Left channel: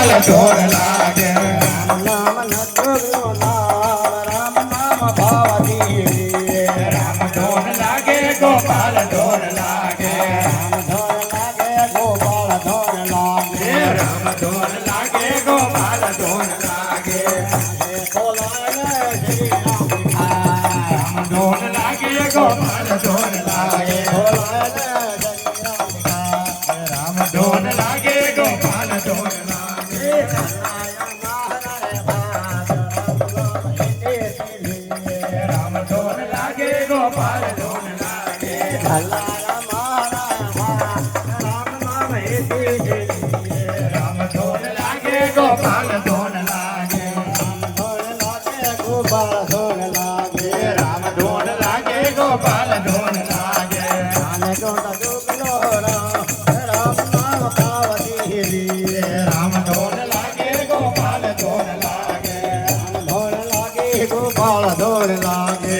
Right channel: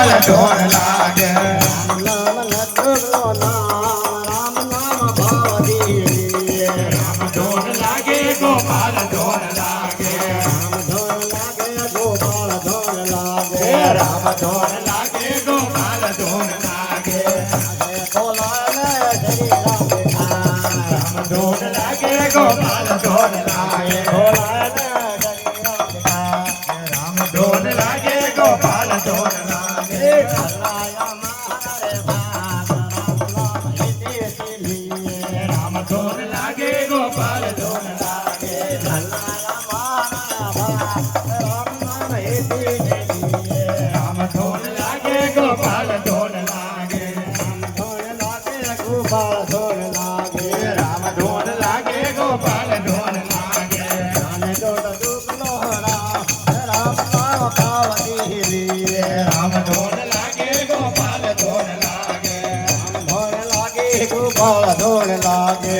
ગોપાલ ઢોર લાગે નામ નટુરનો નામ રામ નામ ભાવતી રામ ઢોર લાગે ગોપાલ ઢોર લાગે રામ ધોર લાગે ગોપાલ ધોર લાગે રામ ઢોર લાગે ગોપાલ ઢોર લાગે બોલાને જરી રામ ઢોર લાગે ગોપાલ ઢોર લાગે બોલાને રામ ઢોર લાગે ગોપાલ ઢોર લાગે રામ ઢોર લાગે ગોપાલ ઢોર લાગે રામ ઢોર લાગે ગોપાલ ઢોર લાગે ગોપાલ ધોર લાગે રામ ઢોર લાગે ગોપાલ ઢોર લાગે અને જોડ દુખનો રામ નામ ભાવતી રામ ઢોર લાગે ગોપાલ ઢોર લાગે ધોર લાગે ગોપાલ ધોર લાગે